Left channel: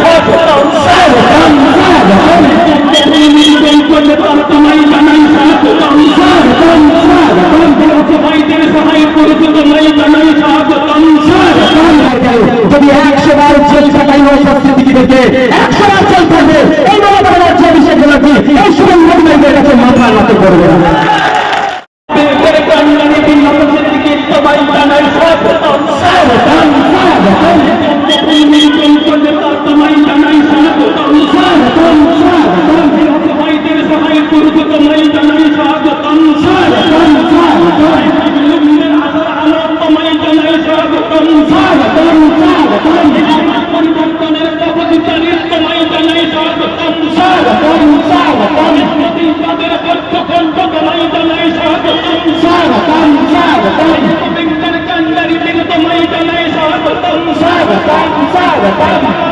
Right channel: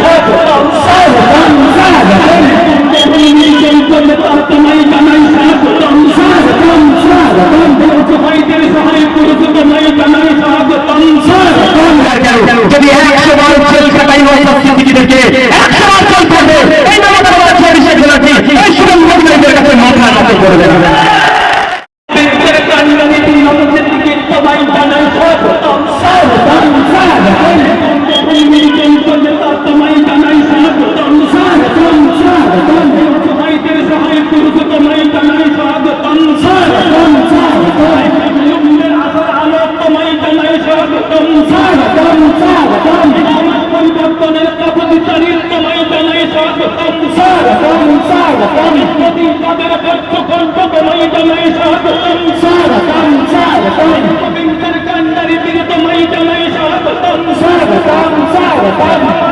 স্বাগতম তোমায় Gracias.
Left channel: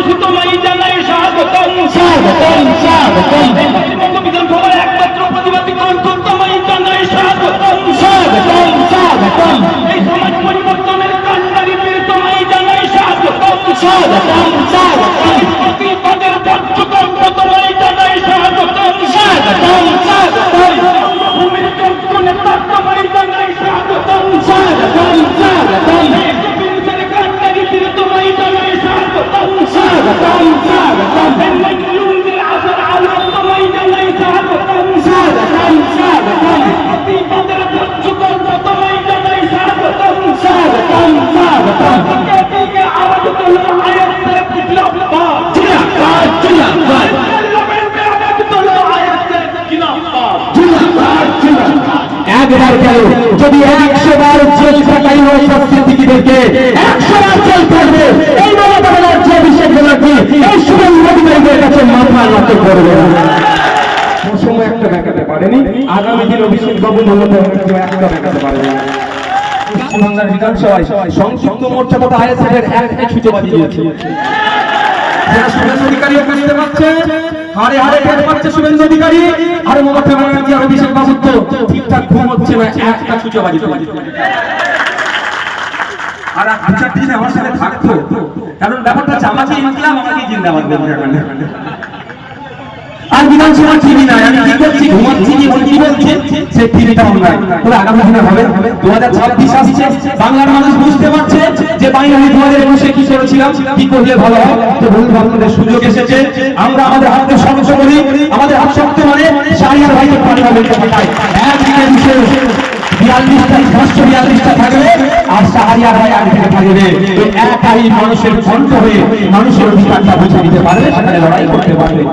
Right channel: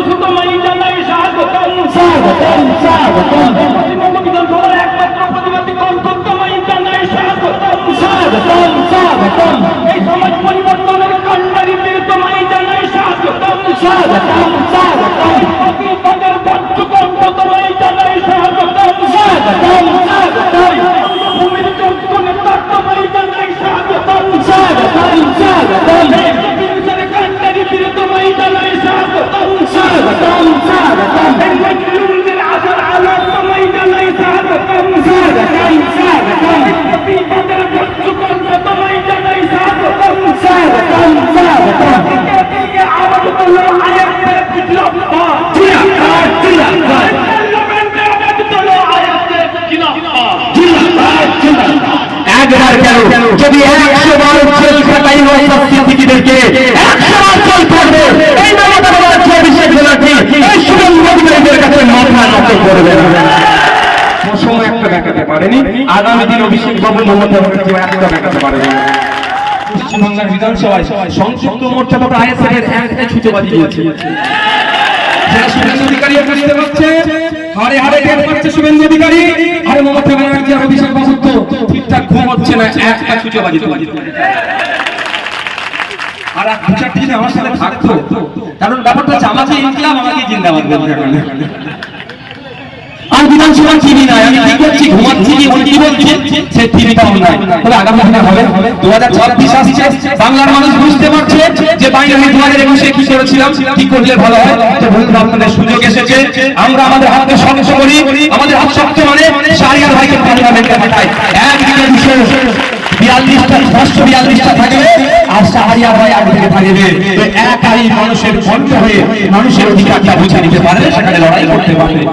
একবার কেন? যদি একশো বার জেল খাটাই হয় সিদ্দিকিদেরকে একশো বার জেল থাকবে এই মমতা ব্যানার্জি অভিষেক এই শুভম মোদীদের কাছে মাথা নত করবে না। অভিষেক বাবু, মমতা অধিকারী আর মমতা ব্যানার্জি আর ঘুম হচ্ছে না একটা আর দু চারটি দিন আমার সাথে থাকতো। কারণ ব্যাপারটা হচ্ছে, আমাকে ইনকলাম আমাকে জিন্দাবাদ আর বিধানসভা টিভি নাই, আমি কি করছি? ঘুমাচ্ছি কি কি বলছে সে নাই। তবে আগামী দিনে হবে। দু হাজার ছাব্বিশ আসছে। বাংলার মানুষ বুঝতে পারছে যে বাইরে দু হাজার একুশে কি করেছিলাম, কি করলে ভালো হয়। তো বন্ধু, আপনাদের সুযোগ এসেছে। আমরা আমাদের হাতকে শক্ত করি। আমাদের হাত শক্ত মানে শাহরিয়ার ভাইকে পার্লামেন্টে থাকবে ভাই আগে থেকে থাকবে একাই মানুষের কণ্ঠ হয়ে মানুষের অধিকারটা বুঝে নিতে পারে, সেখানে লড়াই করতে পারবে।